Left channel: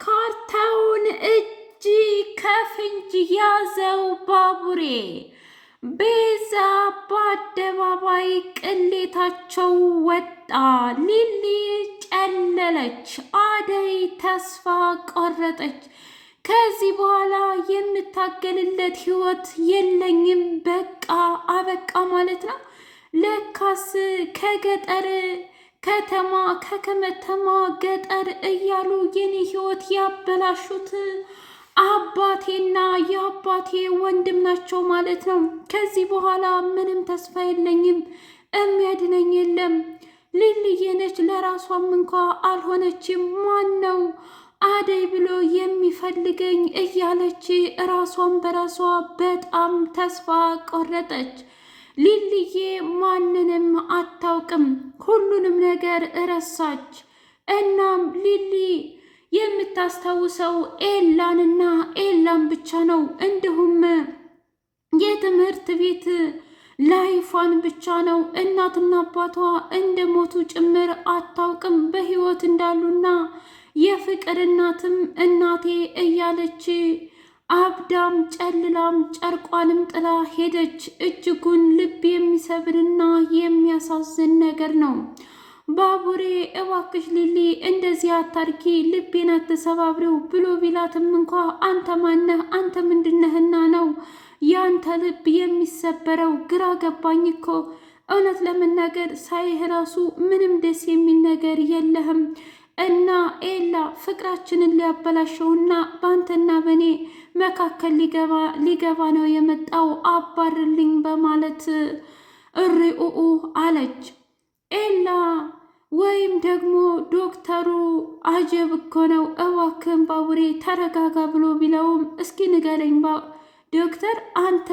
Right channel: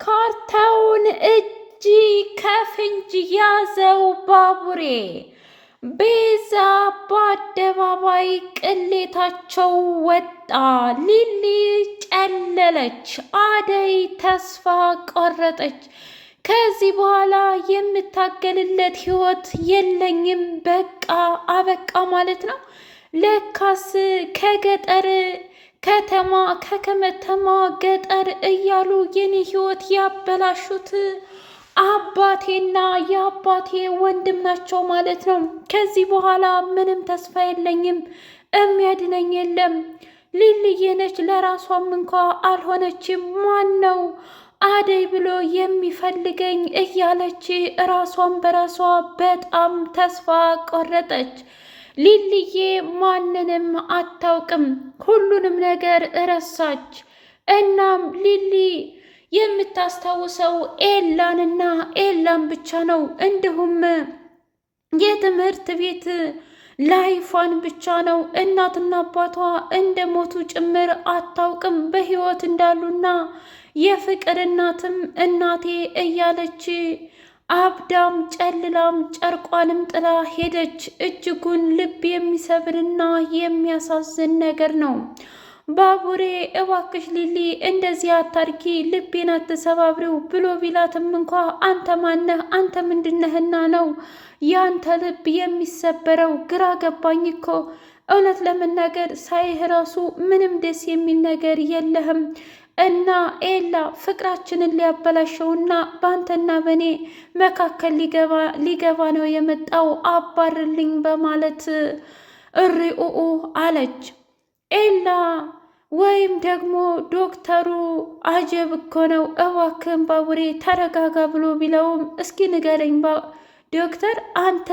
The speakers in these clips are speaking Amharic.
ካርታውን እጅ ከፍንጅ ያዘው ባቡሬ። ቤዛ በአደባባይ ቅሌታቸው ወጣ። ሊሊ ጨለለች። አደይ ተስፋ ቆረጠች። ከዚህ በኋላ የምታገልለት ህይወት የለኝም፣ በቃ አበቃ ማለት ነው። ለካስ ከገጠር ከተማ ከከተማ ገጠር እያሉ የኔ ህይወት ያበላሹት አባቴና የአባቴ ወንድም ናቸው ማለት ነው። ከዚህ በኋላ ምንም ተስፋ የለኝም፣ የሚያድነኝ የለም። ሊልዬ ነች፣ ለራሷም እንኳ አልሆነችም። ማን ነው አደይ ብሎ የሚፈልገኝ እያለች ራሷን በራሷ በጣም ተስፋ ቆረጠች። ሊልዬ ማንንም አታውቅም፣ ሁሉንም ነገር እረሳች። እናም ሊሊ የምታስታውሰው ኤላንና ኤላን ብቻ ነው። እንዲሁም የትምህርት ቤት ላይፏን ብቻ ነው። እናትና አባቷ እንደ ሞቱ ጭምር አታውቅም፣ በህይወት እንዳሉና የፍቅር እናትም እናቴ እያለች አብዳም ጨልላም ጨርቋንም ጥላ ሄደች። እጅጉን ልብ የሚሰብርና የሚያሳዝን ነገር ነው። ባቡሬ እባክሽ ሊሊ እንደዚህ አታርጊ፣ ልቤን አትሰባብሪው ብሎ ቢላትም እንኳ አንተ ማነህ? አንተ ምንድነህና ነው ያንተ ልብ የሚሰበረው? ግራ ገባኝ እኮ እውነት ለመናገር ሳይህ ራሱ ምንም ደስ የሚል ነገር የለህም እና ኤላ ፍቅራችንን ሊያበላሸውና በአንተና በእኔ መካከል ሊገባ ነው የመጣው፣ አባርልኝ በማለት እሪኡኡ አለች። ኤላ ወይም ደግሞ ዶክተሩ አጀብ እኮ ነው፣ እባክህን ባቡሬ ተረጋጋ ብሎ ቢለውም እስኪ ንገረኝ ዶክተር፣ አንተ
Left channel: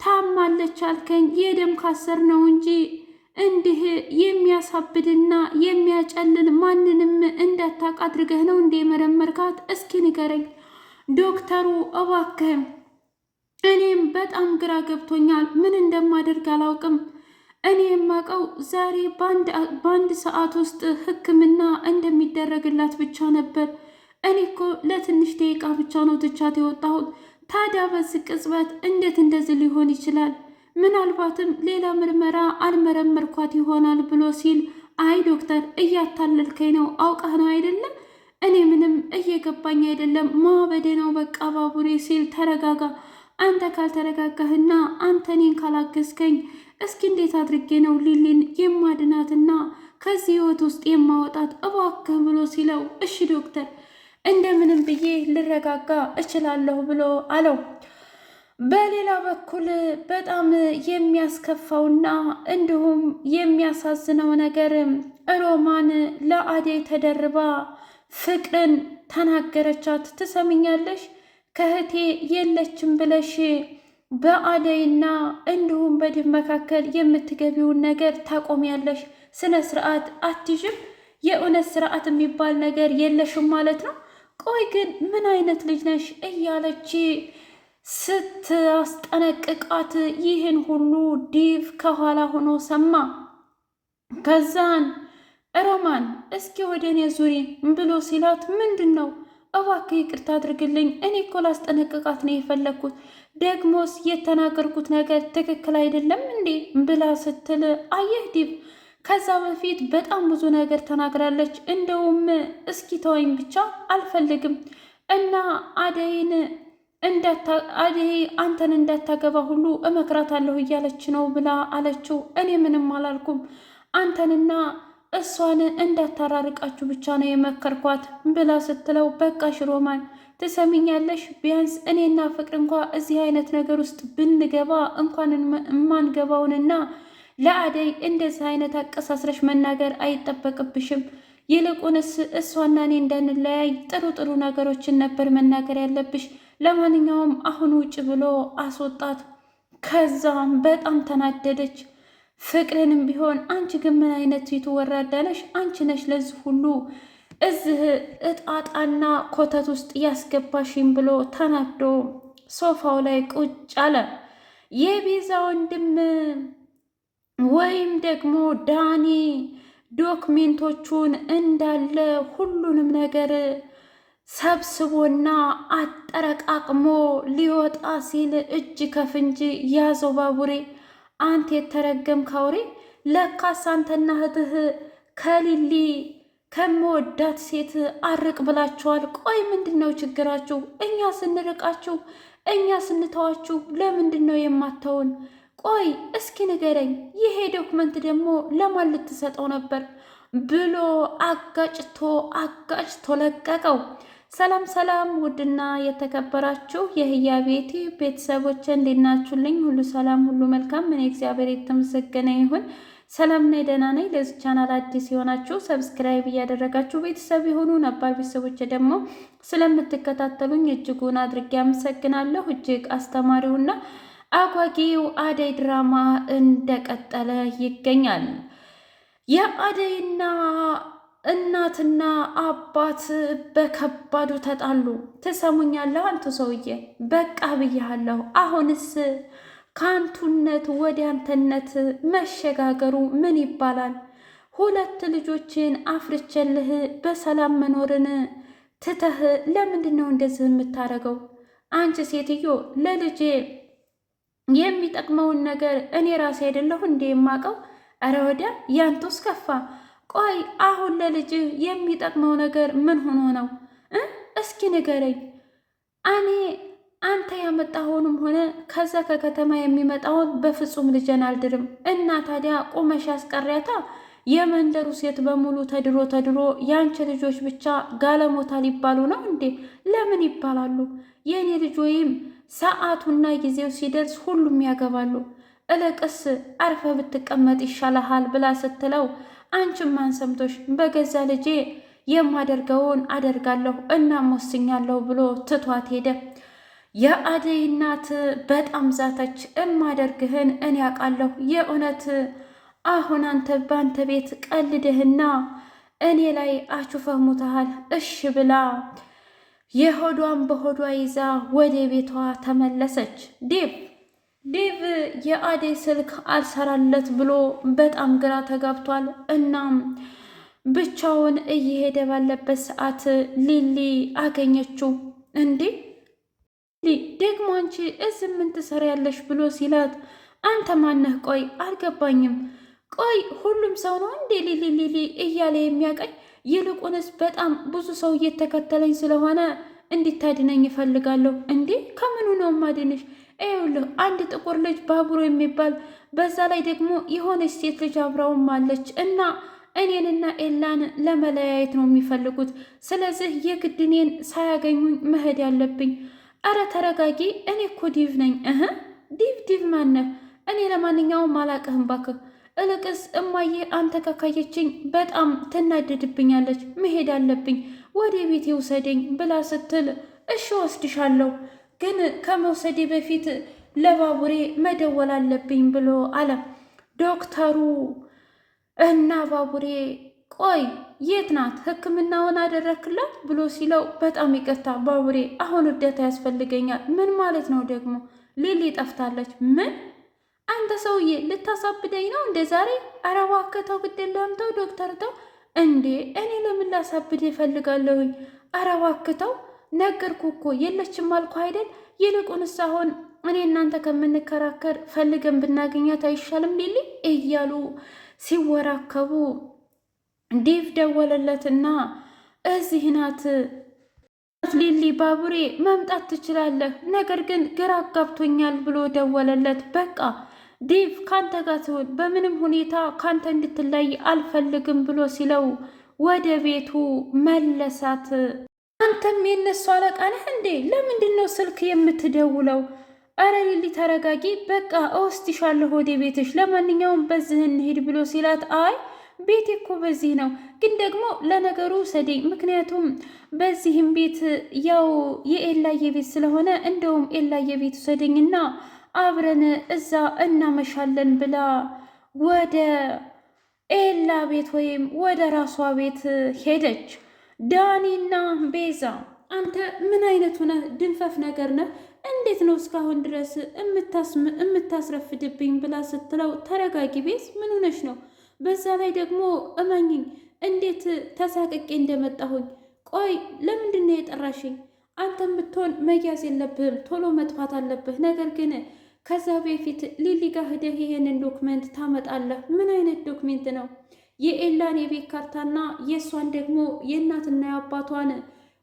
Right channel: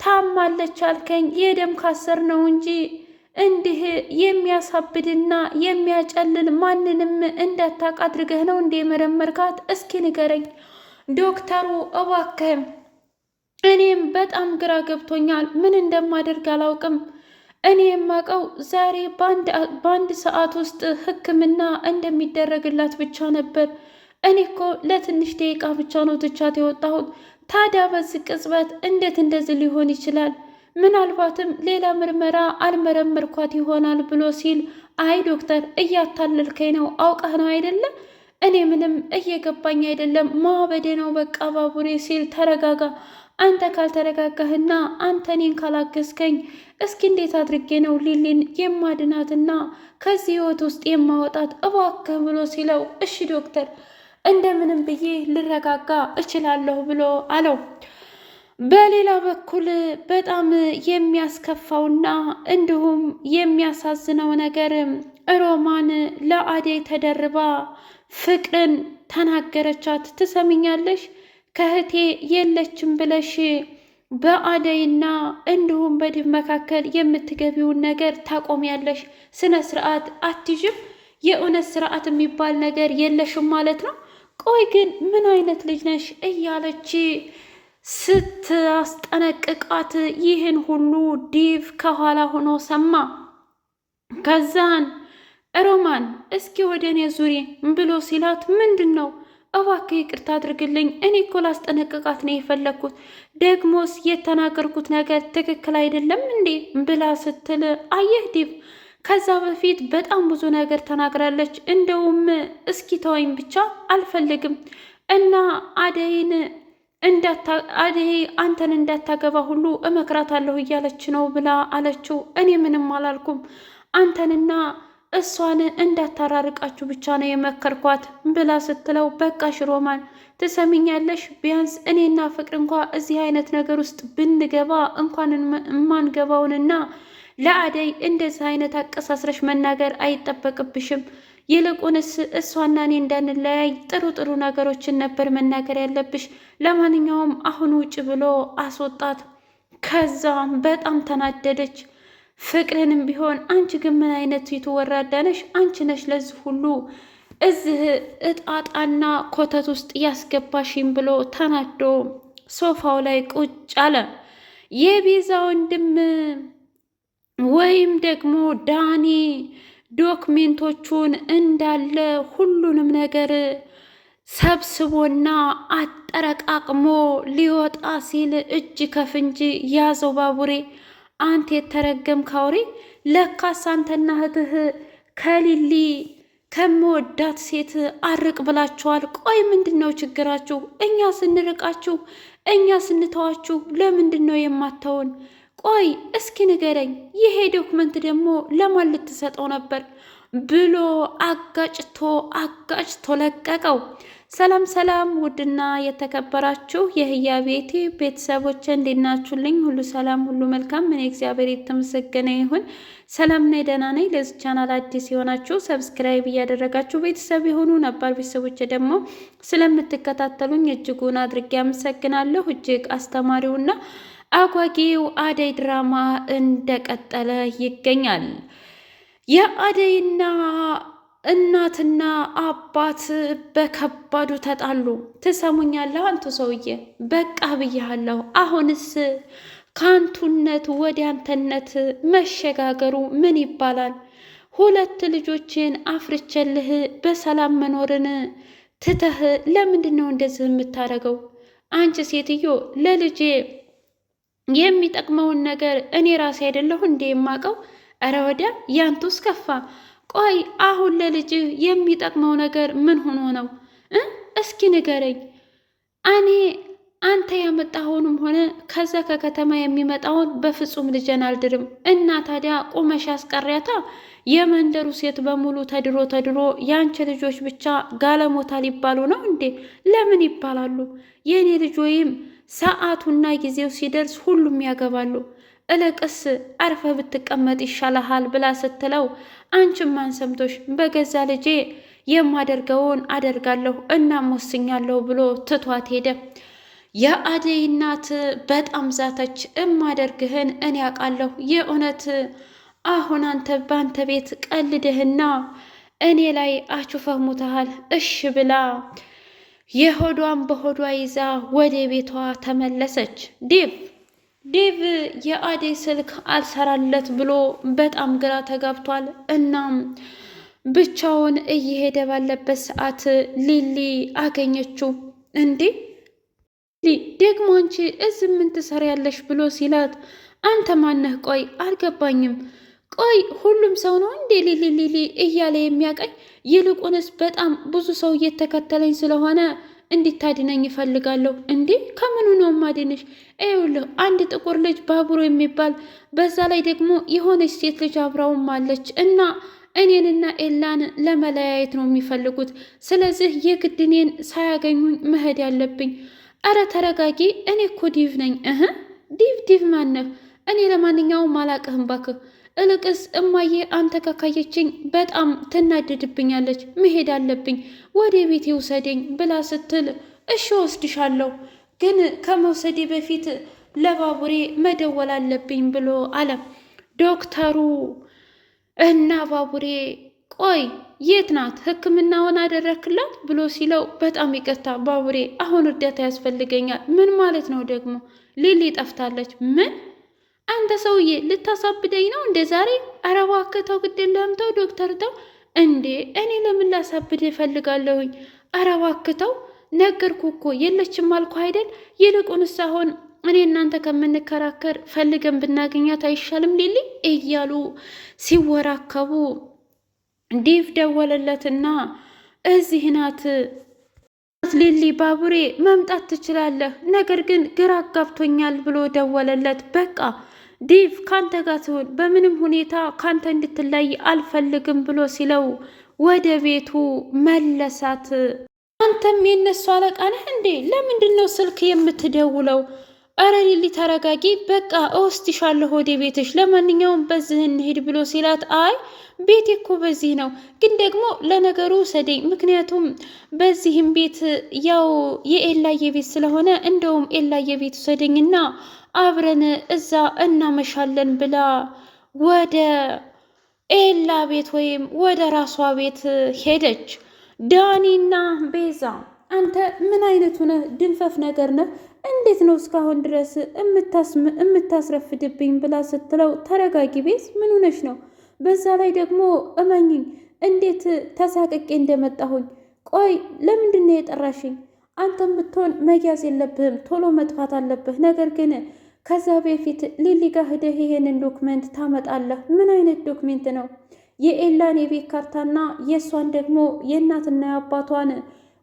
ታማለች አልከኝ፣ የደም ካሰር ነው እንጂ እንዲህ የሚያሳብድና የሚያጨልል ማንንም እንዳታውቅ አድርገህ ነው እንደ መረመርካት? እስኪ ንገረኝ ዶክተሩ እባክህ። እኔም በጣም ግራ ገብቶኛል፣ ምን እንደማደርግ አላውቅም። እኔ የማውቀው ዛሬ በአንድ ሰዓት ውስጥ ሕክምና እንደሚደረግላት ብቻ ነበር። እኔ እኮ ለትንሽ ደቂቃ ብቻ ነው ትቻት የወጣሁት። ታዲያ በዚህ ቅጽበት እንዴት እንደዚህ ሊሆን ይችላል? ምናልባትም ሌላ ምርመራ አልመረመርኳት ይሆናል ብሎ ሲል፣ አይ ዶክተር እያታለልከኝ ነው፣ አውቃህ ነው አይደለም? እኔ ምንም እየገባኝ አይደለም፣ ማበዴ ነው በቃ ባቡሬ ሲል፣ ተረጋጋ። አንተ ካልተረጋጋህና አንተ እኔን ካላገዝከኝ እስኪ እንዴት አድርጌ ነው ሊሊን የማድናትና ከዚህ ህይወት ውስጥ የማወጣት እባክህ ብሎ ሲለው፣ እሺ ዶክተር እንደምንም ብዬ ልረጋጋ እችላለሁ ብሎ አለው። በሌላ በኩል በጣም የሚያስከፋውና እንዲሁም የሚያሳዝነው ነገር ሮማን ለአደይ ተደርባ ፍቅርን ተናገረቻት። ትሰሚኛለሽ ከእህቴ የለችም ብለሽ በአደይና እንዲሁም በድብ መካከል የምትገቢውን ነገር ታቆሚያለሽ። ስነ ስርዓት አትይዥም? የእውነት ስርዓት የሚባል ነገር የለሽም ማለት ነው። ቆይ ግን ምን አይነት ልጅ ነሽ? እያለች ስታስጠነቅቃት ይህን ሁሉ ዲቭ ከኋላ ሆኖ ሰማ። ከዛን ሮማን እስኪ ወደ እኔ ዙሪ ብሎ ሲላት፣ ምንድን ነው እባክህ ይቅርታ አድርግልኝ፣ እኔ እኮ ላስጠነቅቃት ነው የፈለግኩት፣ ደግሞስ የተናገርኩት ነገር ትክክል አይደለም እንዴ ብላ ስትል፣ አየህ ዲቭ ከዛ በፊት በጣም ብዙ ነገር ተናግራለች። እንደውም እስኪ ተወኝ ብቻ አልፈልግም እና አደይ አንተን እንዳታገባ ሁሉ እመክራታለሁ እያለች ነው ብላ አለችው። እኔ ምንም አላልኩም፣ አንተንና እሷን እንዳታራርቃችሁ ብቻ ነው የመከርኳት ብላ ስትለው፣ በቃሽ ሮማን ትሰሚኛለሽ፣ ቢያንስ እኔና ፍቅር እንኳ እዚህ አይነት ነገር ውስጥ ብንገባ እንኳን የማንገባውንና ለአደይ እንደዚህ አይነት አቀሳስረሽ መናገር አይጠበቅብሽም። ይልቁንስ እሷና እኔ እንዳንለያይ ጥሩ ጥሩ ነገሮችን ነበር መናገር ያለብሽ። ለማንኛውም አሁን ውጭ ብሎ አስወጣት። ከዛም በጣም ተናደደች። ፍቅርንም ቢሆን አንቺ ግን ምን አይነት ፊቱ ወራዳ ነሽ? አንቺ ነሽ ለዚህ ሁሉ እዚህ እጣጣና ኮተት ውስጥ ያስገባሽም ብሎ ተናዶ ሶፋው ላይ ቁጭ አለ። የቤዛ ወንድም ወይም ደግሞ ዳኒ ዶክሜንቶቹን እንዳለ ሁሉንም ነገር ሰብስቦና አጠረቃቅሞ ሊወጣ ሲል እጅ ከፍንጅ ያዘው ባቡሬ። አንተ የተረገምክ አውሬ! ለካስ አንተና እህትህ ከሊሊ ከምወዳት ሴት አርቅ ብላችኋል። ቆይ ምንድን ነው ችግራችሁ? እኛ ስንርቃችሁ፣ እኛ ስንተዋችሁ ለምንድን ነው የማታውን? ቆይ እስኪ ንገረኝ፣ ይሄ ዶክመንት ደግሞ ለማን ልትሰጠው ነበር? ብሎ አጋጭቶ ለቀቀው። ሰላም ሰላም! ውድና የተከበራችሁ የህያ ቤቴ ቤተሰቦች እንዴት ናችሁልኝ? ሁሉ ሰላም፣ ሁሉ መልካም። እኔ እግዚአብሔር የተመሰገነ ይሁን ሰላም ነኝ፣ ደህና ነኝ። ለዚህ ቻናል አዲስ የሆናችሁ ሰብስክራይብ እያደረጋችሁ ቤተሰብ የሆኑ ነባር ቤተሰቦች ደግሞ ስለምትከታተሉኝ እጅጉን አድርጌ አመሰግናለሁ። እጅግ አስተማሪውና አጓጊው አደይ ድራማ እንደቀጠለ ይገኛል። የአደይና እናትና አባት በከባዱ ተጣሉ። ትሰሙኛለህ አንቱ ሰውዬ፣ በቃ ብያለሁ። አሁንስ ከአንቱነት ወደ አንተነት መሸጋገሩ ምን ይባላል? ሁለት ልጆችን አፍርቼልህ በሰላም መኖርን ትተህ ለምንድን ነው እንደዚህ የምታደርገው? አንቺ ሴትዮ፣ ለልጄ የሚጠቅመውን ነገር እኔ ራሴ አይደለሁ እንዴ የማውቀው? እረ ወዲያ ያንቱስ ከፋ። ቆይ አሁን ለልጅህ የሚጠቅመው ነገር ምን ሆኖ ነው? እስኪ ንገረኝ። እኔ አንተ ያመጣኸውንም ሆነ ከዛ ከከተማ የሚመጣውን በፍጹም ልጄን አልድርም። እና ታዲያ ቁመሽ አስቀሪያታ። የመንደሩ ሴት በሙሉ ተድሮ የአንቺ ልጆች ብቻ ጋለሞታ ሊባሉ ነው እንዴ? ለምን ይባላሉ? የእኔ ልጅ ወይም ሰዓቱና ጊዜው ሲደርስ ሁሉም ያገባሉ። እለቅስ አርፈ ብትቀመጥ ይሻልሃል ብላ ስትለው አንቺም ማን ሰምቶሽ? በገዛ ልጄ የማደርገውን አደርጋለሁ እናም ወስኛለሁ ብሎ ትቷት ሄደ። የአደይ እናት በጣም ዛተች። እማደርግህን እኔ አውቃለሁ። የእውነት አሁን አንተ በአንተ ቤት ቀልድህና እኔ ላይ አቹፈህ ሙተሃል። እሽ ብላ የሆዷን በሆዷ ይዛ ወደ ቤቷ ተመለሰች። ዴቭ የአደይ ስልክ አልሰራለት ብሎ በጣም ግራ ተጋብቷል። እናም ብቻውን እየሄደ ባለበት ሰዓት ሊሊ አገኘችው። እንዴ ደግሞ አንቺ እዚህ ምን ትሰሪያለሽ? ብሎ ሲላት አንተ ማነህ? ቆይ አልገባኝም። ቆይ ሁሉም ሰው ነው እንዴ ሊሊ እያለ የሚያቀኝ? ይልቁንስ በጣም ብዙ ሰው እየተከተለኝ ስለሆነ እንዲታድነኝ ይፈልጋለሁ። እንዴ ከምኑ ነው ማድንሽ? ይኸውልህ አንድ ጥቁር ልጅ ባቡሮ የሚባል በዛ ላይ ደግሞ የሆነች ሴት ልጅ አብራውም አለች እና እኔንና ኤላን ለመለያየት ነው የሚፈልጉት። ስለዚህ የግድ እኔን ሳያገኙኝ መሄድ ያለብኝ። አረ ተረጋጊ፣ እኔ እኮ ዲቭ ነኝ። ዲቭ ማነህ? እኔ ለማንኛውም አላቅህም ባክህ። እልቅስ እማዬ አንተ ካካየችኝ በጣም ትናደድብኛለች። መሄድ አለብኝ፣ ወደ ቤቴ ውሰደኝ ብላ ስትል እሺ ወስድሻለሁ፣ ግን ከመውሰዴ በፊት ለባቡሬ መደወል አለብኝ ብሎ አለ ዶክተሩ። እና ባቡሬ ቆይ የት ናት? ሕክምናውን አደረክላት ብሎ ሲለው በጣም ይቅርታ ባቡሬ፣ አሁን እርዳታ ያስፈልገኛል። ምን ማለት ነው ደግሞ? ሊሊ ጠፍታለች። ምን? አንተ ሰውዬ ልታሳብደኝ ነው እንደ ዛሬ? ኧረ እባክህ ተው፣ ግድ የለህም ተው ዶክተር ተው። እንዴ እኔ ለምን ላሳብድ እፈልጋለሁኝ? ኧረ እባክህ ተው፣ ነገርኩህ እኮ የለችም አልኩህ አይደል? ይልቁንስ አሁን እኔ እናንተ ከምንከራከር ፈልገን ብናገኛት አይሻልም ሊሊ? እያሉ ሲወራከቡ ዴቭ ደወለለትና እዚህ ናት ሊሊ፣ ባቡሬ መምጣት ትችላለህ፣ ነገር ግን ግራ አጋብቶኛል ብሎ ደወለለት። በቃ ዴቭ ካንተ ጋር ትሆን፣ በምንም ሁኔታ ካንተ እንድትለይ አልፈልግም ብሎ ሲለው ወደ ቤቱ መለሳት። አንተም የነሱ አለቃ ነህ እንዴ? ለምንድን ነው ስልክ የምትደውለው? አረ ሊሊ ተረጋጊ፣ በቃ እወስድሻለሁ ወደ ቤትሽ፣ ለማንኛውም በዚህ እንሂድ ብሎ ሲላት አይ ቤቴ እኮ በዚህ ነው፣ ግን ደግሞ ለነገሩ ውሰደኝ፣ ምክንያቱም በዚህም ቤት ያው የኤላየ ቤት ስለሆነ እንደውም ኤላየ ቤት ውሰደኝና አብረን እዛ እናመሻለን ብላ ወደ ኤላ ቤት ወይም ወደ ራሷ ቤት ሄደች። ዳኒና ቤዛ አንተ ምን አይነቱ ነህ? ድንፈፍ ነገር ነህ። እንዴት ነው እስካሁን ድረስ የምታስረፍድብኝ? ብላ ስትለው ተረጋጊ ቤዝ፣ ምን ሆነሽ ነው? በዛ ላይ ደግሞ እመኝኝ እንዴት ተሳቅቄ እንደመጣሁኝ። ቆይ ለምንድን ነው የጠራሽኝ? አንተም ብትሆን መያዝ የለብህም ቶሎ መጥፋት አለብህ። ነገር ግን ከዛ በፊት ሊሊ ጋር ሂደህ ይሄንን ዶክመንት ታመጣለህ። ምን አይነት ዶክሜንት ነው? የኤላን የቤት ካርታና የእሷን ደግሞ የእናትና የአባቷን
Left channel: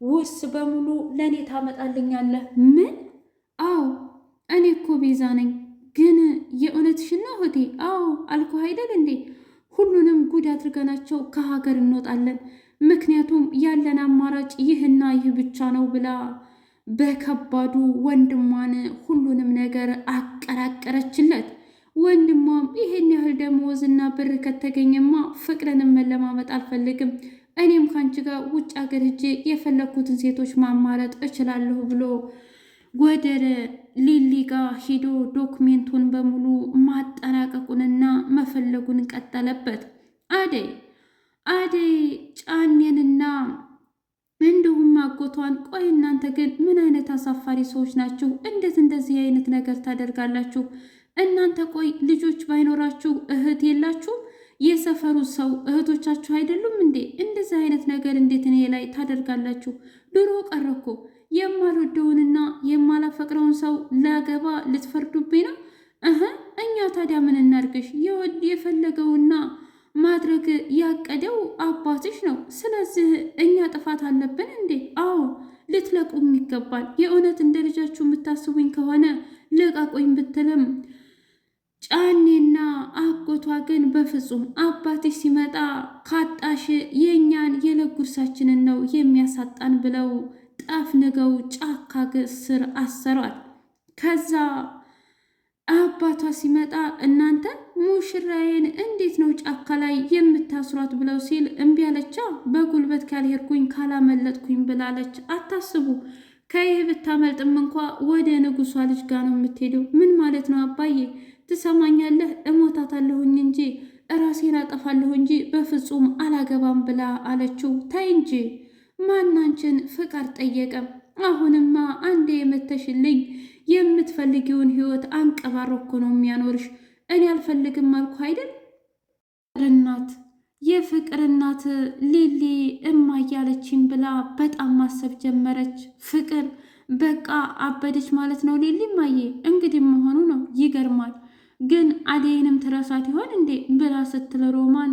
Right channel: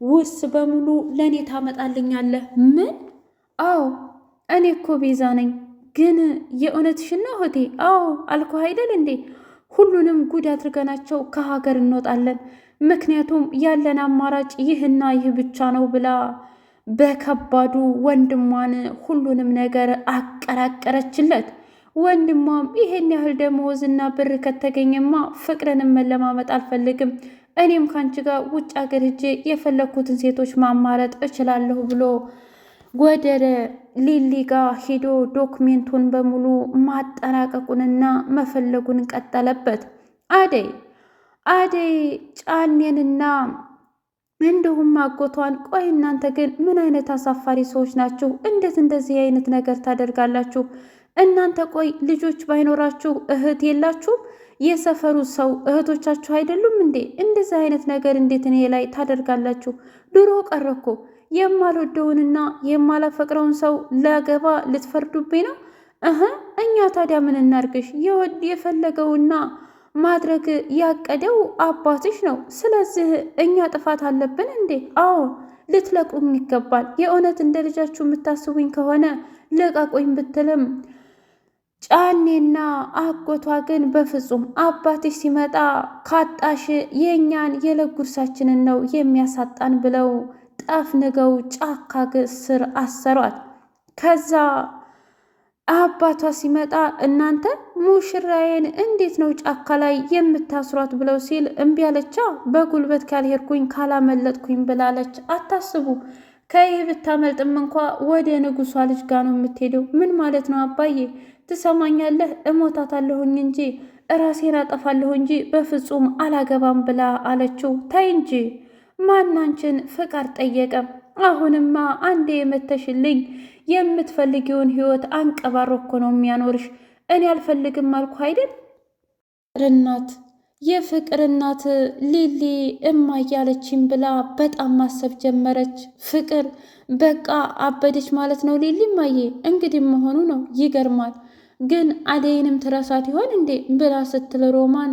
ውርስ በሙሉ ለእኔ ታመጣልኛለህ። ምን? አዎ እኔ እኮ ቤዛ ነኝ። ግን የእውነትሽን ነው እህቴ? አዎ አልኩህ አይደል እንዴ? ሁሉንም ጉድ አድርገናቸው ከሀገር እንወጣለን። ምክንያቱም ያለን አማራጭ ይህና ይህ ብቻ ነው ብላ በከባዱ ወንድሟን ሁሉንም ነገር አቀራቀረችለት። ወንድሟም ይሄን ያህል ደመወዝና ብር ከተገኘማ ፍቅርንም መለማመጥ አልፈልግም፣ እኔም ከአንቺ ጋር ውጭ ሀገር ሄጄ የፈለግኩትን ሴቶች ማማረጥ እችላለሁ ብሎ ወደ ሊሊ ጋር ሂዶ ዶክሜንቱን በሙሉ ማጠናቀቁንና መፈለጉን ቀጠለበት። አደይ ጫኔንና እንዲሁም አጎቷን፣ ቆይ እናንተ ግን ምን አይነት አሳፋሪ ሰዎች ናችሁ? እንዴት እንደዚህ አይነት ነገር ታደርጋላችሁ? እናንተ ቆይ ልጆች ባይኖራችሁ እህት የላችሁም? የሰፈሩ ሰው እህቶቻችሁ አይደሉም እንዴ? እንደዚህ አይነት ነገር እንዴት እኔ ላይ ታደርጋላችሁ? ድሮ ቀረኮ የማልወደውንና የማላፈቅረውን ሰው ላገባ ልትፈርዱብኝ ነው? እኛ ታዲያ ምን እናርግሽ? የፈለገውና ማድረግ ያቀደው አባትሽ ነው። ስለዚህ እኛ ጥፋት አለብን እንዴ? አዎ ልትለቁኝ ይገባል። የእውነት እንደ ልጃችሁ የምታስቡኝ ከሆነ ልቀቁኝ ብትልም ጫኔና አጎቷ ግን በፍጹም አባትሽ ሲመጣ ካጣሽ የእኛን የዕለት ጉርሳችንን ነው የሚያሳጣን ብለው ጠፍንገው ጫካ ስር አሰሯት። ከዛ አባቷ ሲመጣ እናንተ ሙሽራዬን እንዴት ነው ጫካ ላይ የምታስሯት ብለው ሲል እምቢ አለቻ። በጉልበት ካልሄድኩኝ ካላመለጥኩኝ ብላለች። አታስቡ፣ ከይህ ብታመልጥም እንኳ ወደ ንጉሷ ልጅ ጋር ነው የምትሄደው። ምን ማለት ነው አባዬ? ትሰማኛለህ? እሞታታለሁኝ እንጂ እራሴን አጠፋለሁ እንጂ በፍጹም አላገባም ብላ አለችው። ታይ እንጂ ማናንችን ፍቃድ ጠየቀ? አሁንማ አንዴ የመተሽልኝ የምትፈልጊውን ህይወት አንቀባሮ እኮ ነው የሚያኖርሽ። እኔ አልፈልግም አልኩ አይደል? የፍቅር እናት ሊሊ እያለችኝ ብላ በጣም ማሰብ ጀመረች። ፍቅር በቃ አበደች ማለት ነው ሊሊ እማዬ። እንግዲህ መሆኑ ነው። ይገርማል። ግን አደይንም ትረሳት ይሆን እንዴ ብላ ስትል ሮማን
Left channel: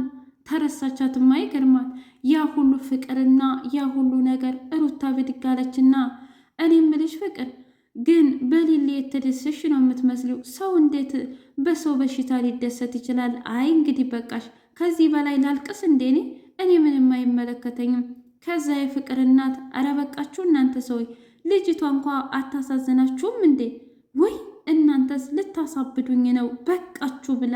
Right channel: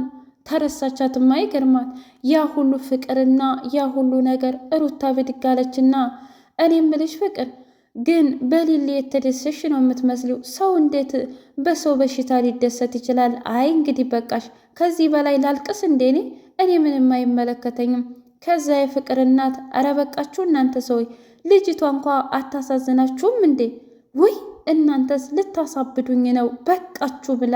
ተረሳቻትማ። ይገርማል። ያ ሁሉ ፍቅርና ያ ሁሉ ነገር ሩታ ብድግ አለችና እኔ እምልሽ ፍቅር ግን በሊሊ የተደሰሽ ነው የምትመስሊው። ሰው እንዴት በሰው በሽታ ሊደሰት ይችላል? አይ እንግዲህ በቃሽ። ከዚህ በላይ ላልቅስ እንዴ? እኔ ምንም አይመለከተኝም። ከዛ የፍቅር እናት ኧረ በቃችሁ እናንተ ሰዎች፣ ልጅቷ እንኳ አታሳዝናችሁም እንዴ? ውይ እናንተስ ልታሳብዱኝ ነው፣ በቃችሁ ብላ